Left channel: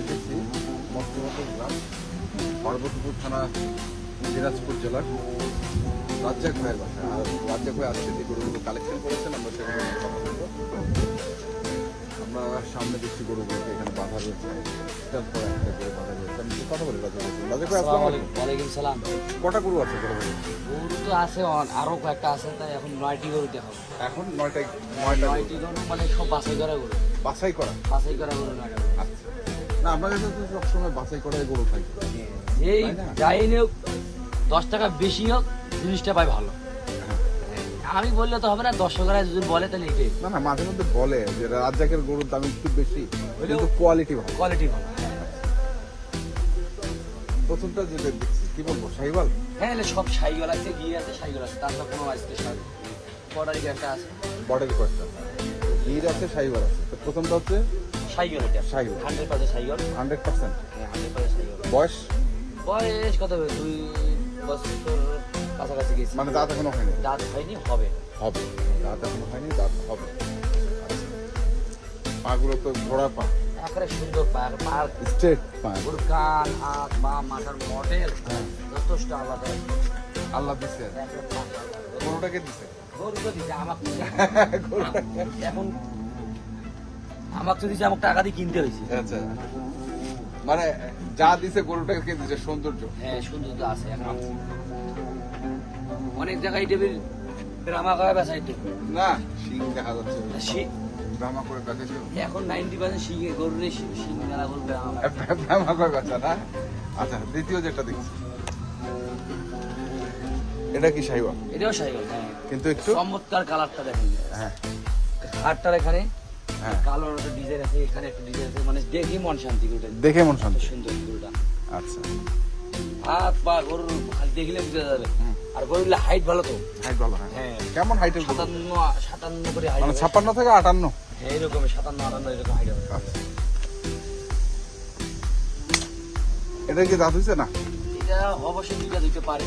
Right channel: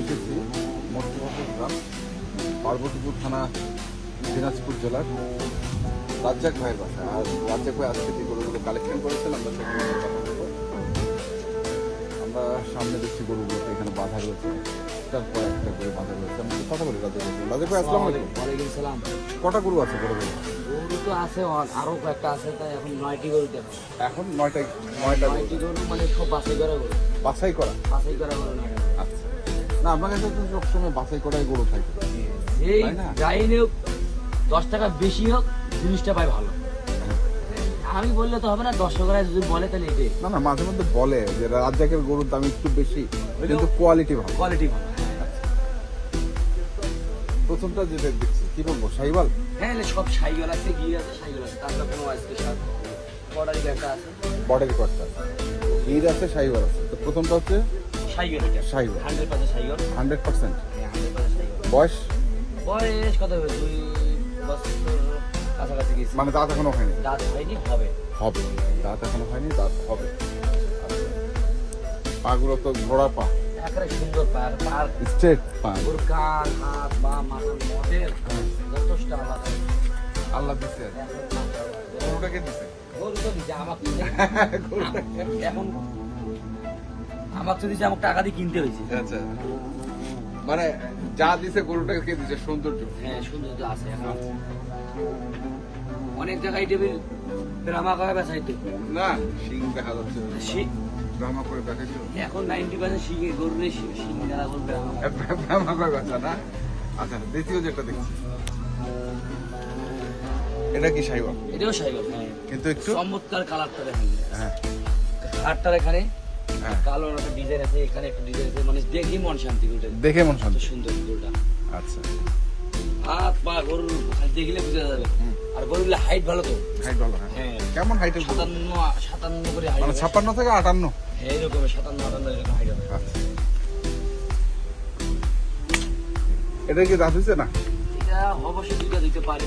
এসেছি পার্বতীপুর থানা দিনাজপুর জেলার রাজ্জাক ভাইয়ের বাসা। রাজ্জাক ভাই আজকে যে গরুগুলো কালেকশন করেছেন আমরা সেখানে আমরা সামনে দেখছি গরুগুলোকে এখানে বাঁধা রয়েছে, বাঁধা রয়েছে। আমি কথা বলি রাজ্জাক ভাই, ওয়ালাইকুম সালাম। কটা গরু আছে গরুগুলো? গরু তো আছে আরো কয়েকটা আছে, তাই এখন 9টি গরু দেখো। এখন 9টা 9টি গরু মানে সব বাছাই করা গরু, বাছাই করা গরু না। আচ্ছা, না আপনার কাছে তো সবসময় বাছাই করাই গরু খাই, এই তাই না? যাই হোক 10 টাকা বেশি হোক জিনিসটা পাই ভালো। আমি বললে তো হবে না, দর্শকরা যদি বলে তাহলে এটাই। না না, মাঝে মধ্যে বলে যে রাজ্জাকের গরুর দাম একটু বেশি কিন্তু কোয়ালিটি ভালো। কোয়ালিটি ভালো। প্রথমটা যেটা দেখছি কি বলবো, শাহিওয়াল। হ্যাঁ সব সাইকেল আছে, গিয়ে আছে, সাইকেল আছে, তারপর কোনো স্পেশাল বর্ডারি একটা আছে, বর্ডারি কস্টা গির আছে, শাহিওয়াল আছে। তো প্রথমটা হচ্ছে সাইকেল এটা শাহিওয়াল 100% সাইকেল। 100%। বয়স বয়স কত হবে? 2 বছর কাছাকাছি গেছি। মানে দাঁত এখনো হয়নি? দাঁত হয়নি, হবে হবে, দাঁত এখনো হয়নি, দাঁত হবে। পাগুলো তো ঘোড়া পা, একেবারে সুন্দর পার পার স্ট্রেট পা। ওর কান হাত বা মাথার মডেল যথেষ্ট আলাদা। আল্লাহ দিচ্ছে, গরুটাকে দিচ্ছে। গরু তো দিচ্ছে আমাকে, এখন আমাকে দিচ্ছে, আমাকে টাকা দিয়ে কিনতে হয়েছে। আচ্ছা, মানে যা দিছে গরুটাকে দিচ্ছে সৌন্দর্য। হ্যাঁ সুন্দর তো আছে এখন। অনেক জায়গায় টেবিল ড্রামা করা বেসাইতে না, শিং দেখা যাচ্ছে, ড্রামা করে বেঁচেছে। এখন 90% শিখে গরুরে শিং মেলা করবে। ড্রামা করে বেচা না। আচ্ছা, দ্বিতীয় যেটা দেখছি এটা কি শাহিওয়াল? এটাও সাইকেল, কিন্তু একটু চমৎকার কালারটা দেখেন। হ্যাঁ কালারটার এখানে হ্যাঁ, কালো একটা ডিজাইন আছে, এখানে একটা ডিজাইন আছে, মানে দেখি মন শান্তি ওটা দেখে মন শান্তি। সুন্দর গরুটা। আচ্ছা, হাত পা গরুর খালি দেখলে বুঝা যাবে। আর গরুর হাইট ভালো তো। হাইট ভালো। হ্যাঁ কেমন হাইটের গরু? 57 করে হাইট, মানে 56 থেকে 58। এইরকম 57-58 এরকম হাইট হবে। আচ্ছা, এটা কি দাঁত হয়েছে না? এটা অবশ্যই দুটো দিতে পারে।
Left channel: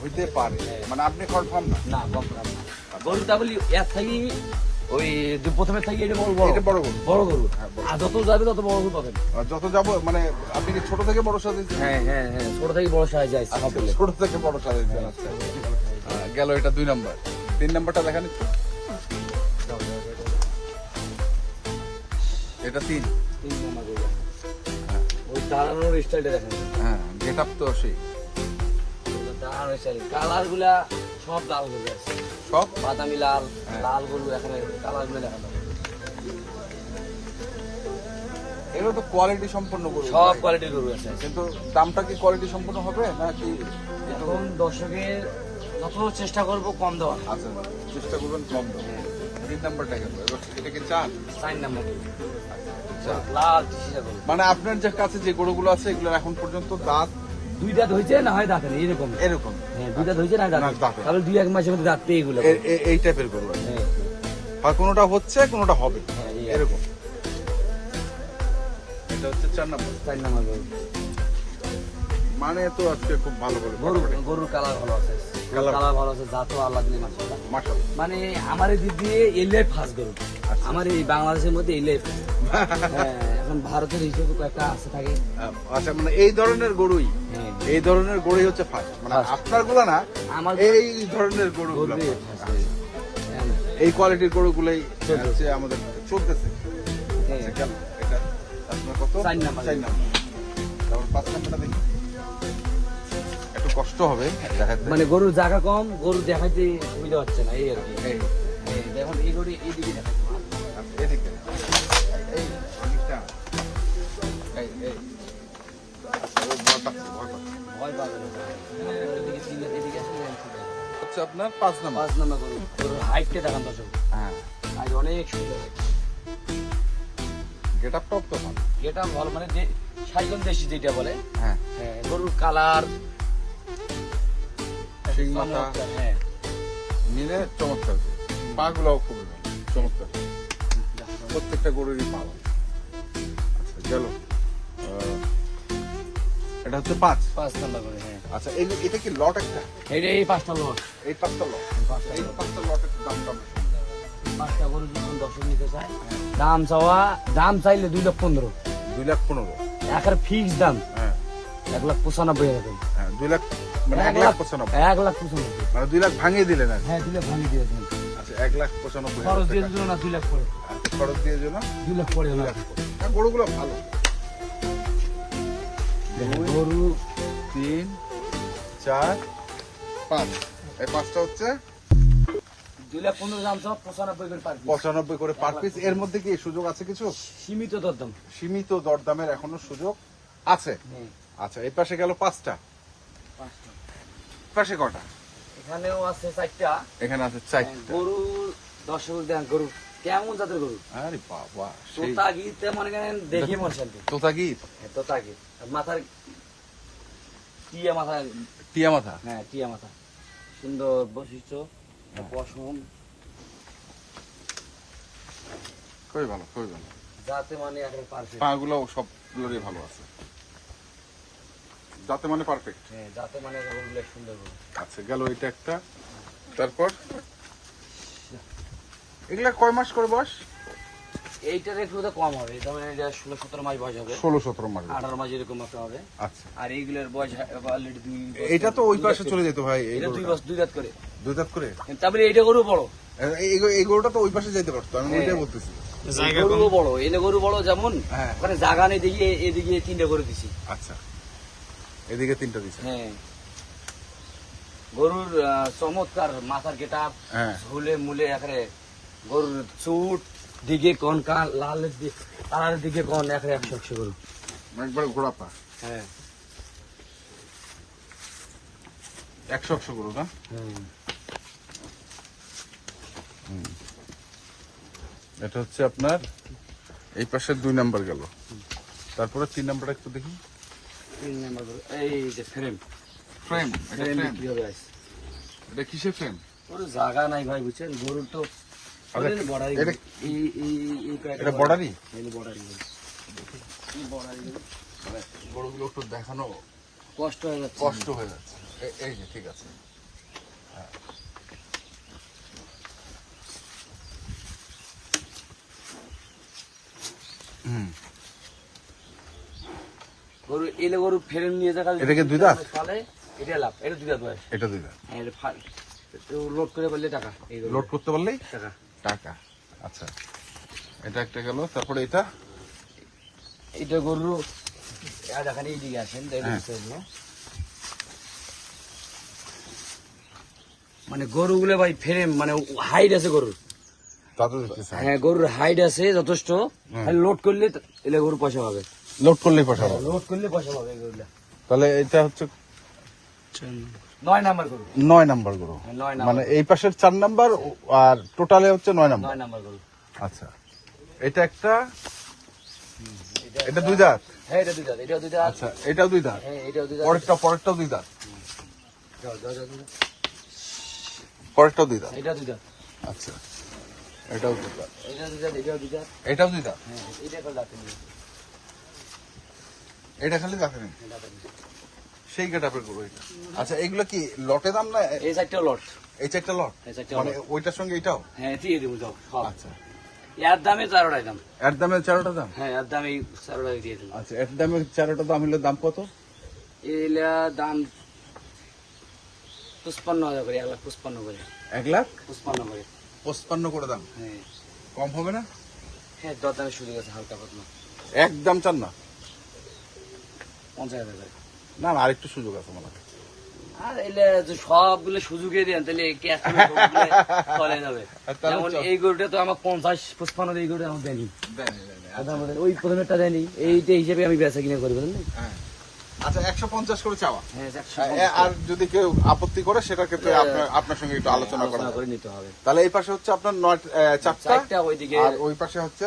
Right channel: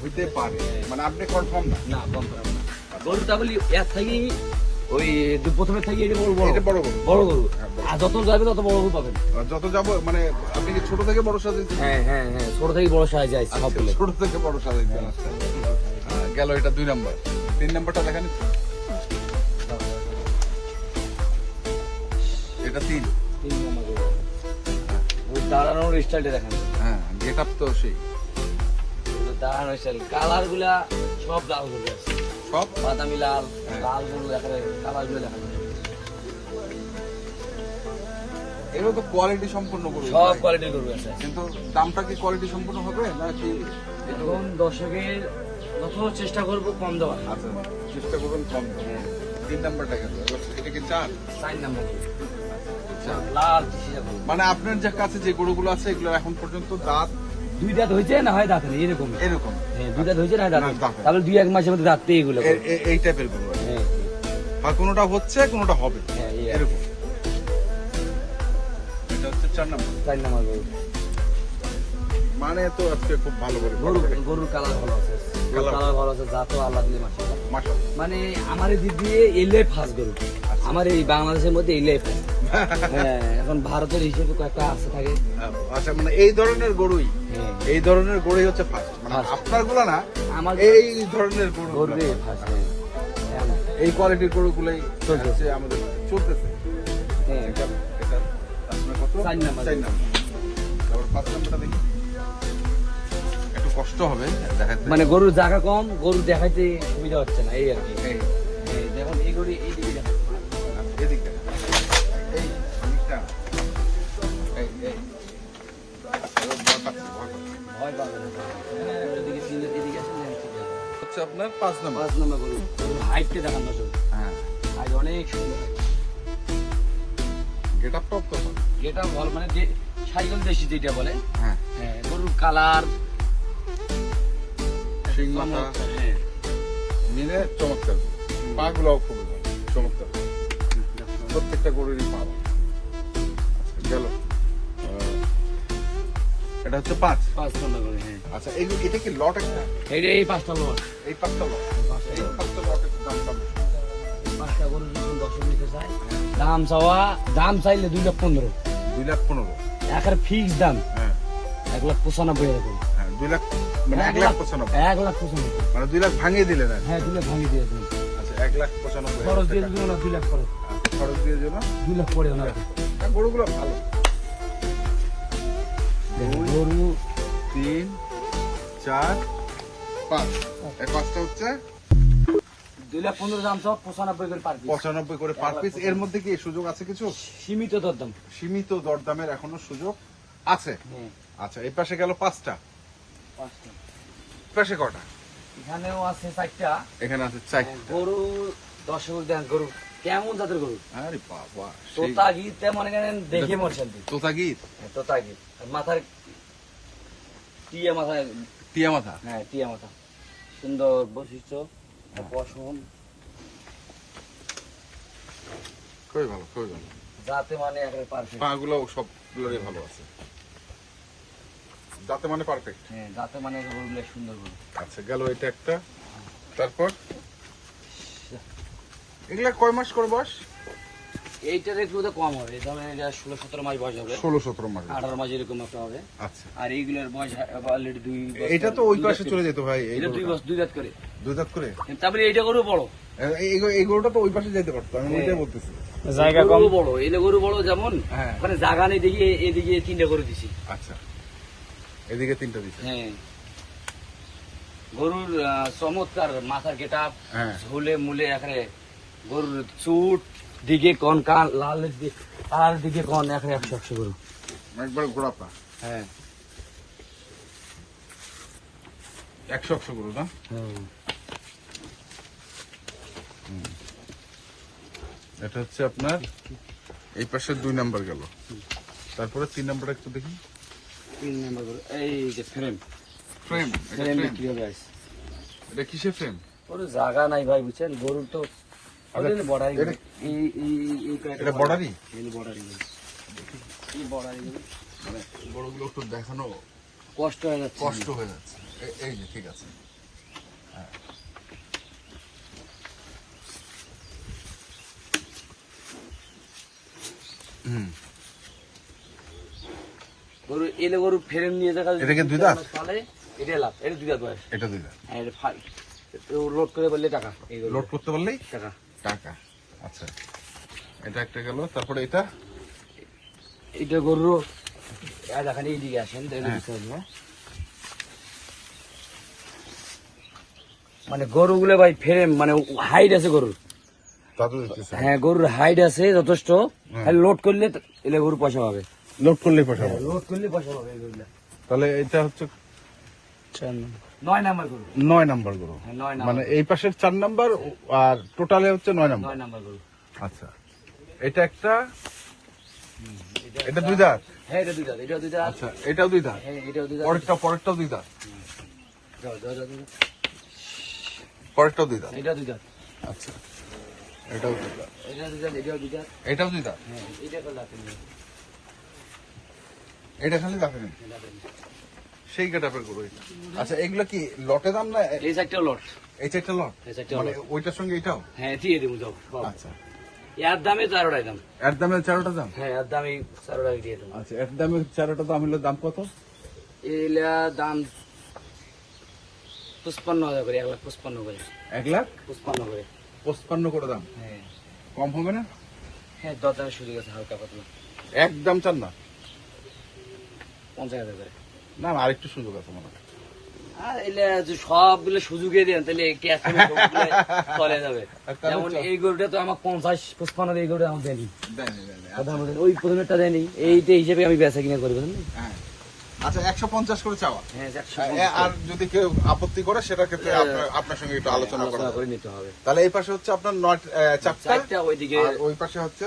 হইতে পারে, মানে আপনি কনফার্ম না? না কম গরুটা বলি এক থাকি ওই প্রথমে থাকি এটা বড় এটা বড় গরু। বড় গরু, আর যত যাবে তত বড় গরু পাবেন। আর যত যাবো মানে আপনি কি ছোট থেকে বড় সাইজ দিচ্ছেন? হ্যাঁ হ্যাঁ হ্যাঁ, ছোট থেকে বড় সাইজ যায় সব বলে। ছোট থেকে বড় সাইজ গেল, এটা 2 নম্বর। 3 নম্বরটা দেখেন, এটা 3। ওই দাঁড়ানোর স্টাইলটা দেখেন, হ্যাঁ, গেট আপ তো সেই দাঁড়ানোর স্টাইল, কালার গুলা সব লাল গরু আছে, সব। বাদামি লাল, লাল গরু এখানে কালার গুলো দেখা যায়। এগুলো তো কোয়ালিটি সম্পন্ন গরু, সব কোয়ালিটির গরু আছে। কিন্তু দামটা কি কোয়ালিটি সম্পন্ন হবে না কি? এখন দর্শকের যত চেষ্টা করবো কম দেওয়া। আচ্ছা, চেষ্টা করবেন কম। 3 নম্বরটা কিন্তু এটা কি 4? 4 নাম্বার লাল চিসিয়া গরু। মানে আপনার যে কাছে যে গরুগুলো আছে এগুলো এখন পর্যন্ত দাঁত 2 দাঁত হয়েছে না হয় দাঁত নেই, এরকম। এরকম। হ্যাঁ 2 দাঁত হয়েছে না দাঁত নেই। দাঁত নেই। তাহলে 2-1 মাসের মধ্যে দাঁত পেয়ে এগুলো। এই টাইপের গরু, হ্যাঁ আর কোনোটা হচ্ছে কোনোটা হবে, হ্যাঁ এরকম। এটা হচ্ছে 4 নম্বর। 4 নাম্বার গরু। মানে তো আজকে খুব ভালো গরু গরুর কালার ভালো আছে, গরুর কালার ভালো আছে, জাতও আল্লাহ দিলে মাশাআল্লাহ। মাশাআল্লাহ। মানে আমার এই দিক দিয়ে এলাই ফার্স্ট গরু, আমার এই বাংলাদেশের মধ্যে এলাই ফার্স্ট। হ্যাঁ এখন ভারতের হিসেবে কয়েকটা আছে থাকে। আচ্ছা, মানে এই ধরনের গরুই, হ্যাঁ এই ধরনের গরুই হচ্ছে ফার্স্ট, মানে First। আপনার গুলো না, আমার এই ধরনের গরু, গরুই ফার্স্ট। এই কোয়ালিটির গরুগুলোই হচ্ছে আমাদের চলতেছে। এটা আপনার কত? 4 নাম্বার। 4 নাম্বার। তারপর 5 নাম্বারটা দেখি। একটু কষ্ট হবে দেখাতে। মানে গরুর জায়গা কম, গরু দেখাইতে সুবিধা হচ্ছে না, এই আর কি। এই দেখুন এই গরু এই দিকে দেখুন। এদিকে এই জিনিসটা এই ভয় পাবে না। এদিকে চিনে এদিকে আছে না, আছে। হচ্ছে আপনার 5 নম্বর। 5 নাম্বার গরু। গরুর হাইটটা দেখান না শুধু। হ্যাঁ, আর অনেক সুন্দর। গেট আপ টপ তো। এটা ভালো, মানে যে সাইকেল দেশি যেটা বলে। হ্যাঁ, হ্যাঁ গরুর কালার চমৎকার। হ্যাঁ নিলে চমৎকার, পাগুলোও খুব চমৎকার, প্রত্যেকটা গরুরই পা। গেল, এটা হচ্ছে 5। 5 নাম্বার গরু। হ্যাঁ আচ্ছা, এটা কি লট একটা? এই 5টা লট। এই 5টা লট, এই 5টা লট একটু দাম কম। 5টা গরু যখন 10 নিতে চায়, দাম চাওয়া, দাম চাইলে 2,15,000। 2,15,000। একের ফিক্স দাম হ্যাঁ 1,95,000 হ্যাঁ 2 লাখ মানে 1,95,000 1,95,000 মানে 2 লাখ ভাঙিয়ে দিলেন আর কি। হ্যাঁ 2 লাখ ভাঙিয়ে দিয়ে দেবেন। আচ্ছা 1,95,000 খরচ দিয়ে দিল না 2 লাখ পড়ে, খরচ দিয়ে দিল 2 লাখ পড়ে না। আর গরুগুলো ভালো দেখেন, গরু 3 4 5 এই পাঁচটা হচ্ছে 2,15,000 দাম সব 95 করে পার পিস, 95 করে পার পিস। এর মধ্যে কি সুযোগ আছে কিছু? সীমিত দরদাম। সীমিত দরদামের এখনো সুযোগ আছে। হ্যাঁ আচ্ছা এই পাশে গেল 5টা, 5টা। পাশে কটা? এখানেও আছে 4টা। এখানে আছে 4টা। গরু দর্শক দেন, গরু কেমন জাতের গরু? আরে বাবা সেই তোতা গিতে মনে করেন দেখে মরছেন। তোতাগির তোতা গিত মাথার টিয়া মাথা, টিয়া মাথা। হ্যাঁ টিয়া মাথা, সুন্দর বৈশিষ্ট্য, পশম, কই ভালো কই ভালো যাতে মানে একেবারে পারফেক্ট। পাগুলো সবগুলোরই ভালো আছে, দাঁতে মানে পারফেক্ট। হ্যাঁ যাতে মানে গরুগুলো সুন্দর গরু। আচ্ছা গেল এটা একটা। তারপর এগুলা কয় মাস করে বয়স? এইটার একটু তো কম হবে, ধরেন এটা 16-17 মাস বয়স হবে, 16-17 মাস। 18 মাস এরকম একটা হবে। আচ্ছা আর এইগুলোর বয়স অলরেডি 2 বছর। এটা তো ওই পাশে চলে যেত ভাই, এটা 2 বছর 2 দাঁত করে। 2 দাঁত করে। তারপরে এইটা গরু বড়, এই গরুটা তো ওই পাশে যেতে পারতো, আমি ওইটাই বলতেছি। জায়গা কম বড়, এলে গরু বড় যেমন হ্যাঁ। মানে জায়গা নেই দেখি এদিকে 3টা করে দিছি। আচ্ছা এদিকে 3টা দিছে। হ্যাঁ গরুর চমৎকার মাথার গেটআপ, হ্যাঁ ঝুলে মুলে এখানে গরুর চুট দিকে কোন কান লাল দিকে, আর দিকে কোন এখানে 100 গরু। একবারে গোড়াপা হ্যাঁ 100 গরু না? এটা হচ্ছে আপনার এই পাশে 2 নাম্বার গেল। তারপরে 3 নাম্বার একটু দেখি। 3 নাম্বার গরু এই যে ফ্রেম, ফ্রেম ফ্রেম বিক্রি হবে আজ। এটা কিসের ফ্রেম? ওর জায়গা নাই ভাই বুঝছেন, গরুর তো এটা- বড়াই এটা- এই এটা বর্ডারই? এই বড়াই এই বড়াই মানে গরুগুলো একটু দেখানো কষ্ট হয়ে যাচ্ছে। কষ্ট হয়ে যাচ্ছে। এই যে ঠিক আছে। হ্যাঁ। হুম গরু এলে গরু ফ্রেম নিয়ে দেখা এটা কি দুই দাঁত? পালে এটা লাভ, এটা 2 দাঁত বয়স। এটা দিলে আর এটা ফাই লোড করে বললে টাকা, এই গরু লোড করতে পারলেই টাকা। টাকা। আচ্ছা এটা একটা গেল। তারপরে এটা এটা গরু দেখান এইদিকে আসেন দেখবেন। মানে গরুগুলো ভাই ফ্রেম মানে হাইট আছে গরুর। তাতে দেখতেছে হ্যাঁ গরুর হাইট আছে যথেষ্ট, লোড করলে এলে গরু পয়সা পাবে, লোড করলেই পাঠাবো। লোড করলে পয়সা পাবে এই গরুগুলো। তাহলে এটা হচ্ছে 9 নাম্বার গরু, 9 নাম্বার গরু। 9 নাম্বার, মানে এই পাশের 4 নাম্বার আর টোটালে হচ্ছে 9 নাম্বার। 9 নাম্বার গরু। আচ্ছা এটা একটা, এটা 2 দাঁত। হ্যাঁ এটা 2 দাঁত, এটা 2 দাঁত। আচ্ছা এটাও 2 দাঁত। হ্যাঁ এটাও 2 দাঁত। পরেরটাও 2 দাঁত। যাও, যাও, যাও, যাও। পরেরটাও 2 দাঁত। এটা 2 দাঁত, আচ্ছা এটাও 2 দাঁত। এটা 2 দাঁত, এটাও 2 দাঁত। এটাও 2 দাঁত। হ্যাঁ এটা তো লাগবে না। এটা খালি দেখেন সেই গেটআপের গরু। আচ্ছা এগুলো কি লটে দাম না? এই একটা লট, এই 4টা লট এই 4টা মানে লট। ওইটার সঙ্গে এটাও? হ্যাঁ দিয়ে দেবো যাও। হ্যাঁ আচ্ছা এর দামে 4টাই দাম। এর দামে 4টা দাম? হ্যাঁ এর দামে 4টাই দিয়ে দেবো। আচ্ছা এর দামে 4টা দাম হলে দাম কত? এলা দাম 55,000 করে, 1,55,000 করে, 1,55,000 করে। 55 করে দাম। হ্যাঁ কম হবে না? হ্যাঁ দরদামের সুযোগ আছে হালকা পাতলা, একদম চান না? 50,000 করে। না না আরেকটু সুযোগ আছে আমার। আর এলে যে সবগুলো সুযোগে দেন তাহলে ক্যাশ চলে যাবে। যেমন এই গরুটা তো আমার 50-55 এই গরুটা আমার দেয়নি, ওই প্রথমেরটা দেয়নি, এইটা হিসেবে আমি বেচা কিনা করবো না। হ্যাঁ আচ্ছা 150 করে চাওয়া। হ্যাঁ আর যদি কেউ আপত্তি করে সেটার ক্ষেত্রে আপনার সঙ্গে একটু আলোচনা করা করে নিতে হবে। তাহলে এই পাশে হচ্ছে আপনার 4টা, 4টা, ওইদিকে আর ওই পাশে হচ্ছে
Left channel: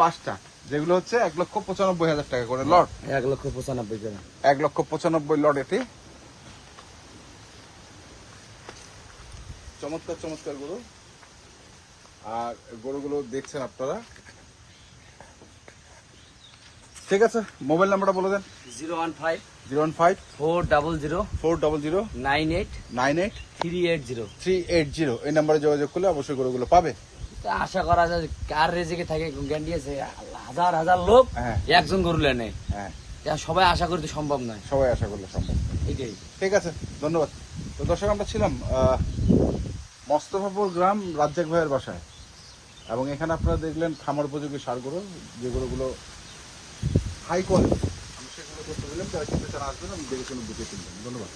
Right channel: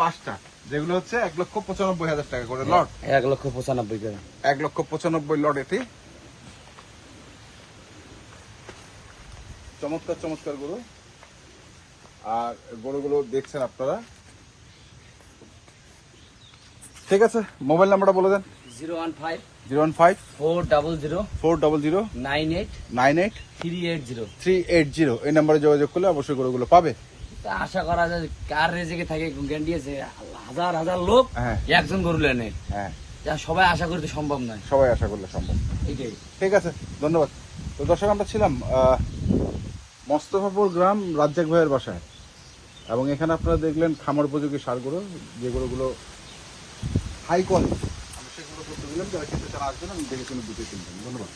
5টা, যেগুলো হচ্ছে 1,95,000 টাকা করে লট। 1,95,000 করে। 1,95,000 লট এটি। চমৎকার চমৎকার গরু। আর গরুগুলো দেখছেন আপনারা। ঠিক আছে মোবাইল নাম্বারটা বলে দেন। 015 015 400 400 98 98 380। 380 এই নাম্বারে যোগাযোগ করলে অবশ্যই গরুগুলো পাবে। আশা করা যায় কার রেজেকে থাকে গ্যারান্টি আছে, হাজার হাজার লোক হ্যাঁ। একজন গরু নেয়। হ্যাঁ যা সবাই আশা করতে সম্ভব নয়, সবাই আশা করলে সম্ভব। এটাই। ঠিক আছে, ধন্যবাদ। তো দর্শক, আমরা ছিলাম মোস্তফাপুর গ্রাম রাজ্জাক ভাইয়ের বাসায়, এবং এখানে আপনারা দেখলেন খামার উপযোগী সারগুলো, যে গরুগুলো হাই কোয়ালিটি, আমি সেগুলো দেখতে দিলাম, যারা কিনতে চান আসবেন, আমি দেখে শুনে বুঝে কিনবেন। ধন্যবাদ।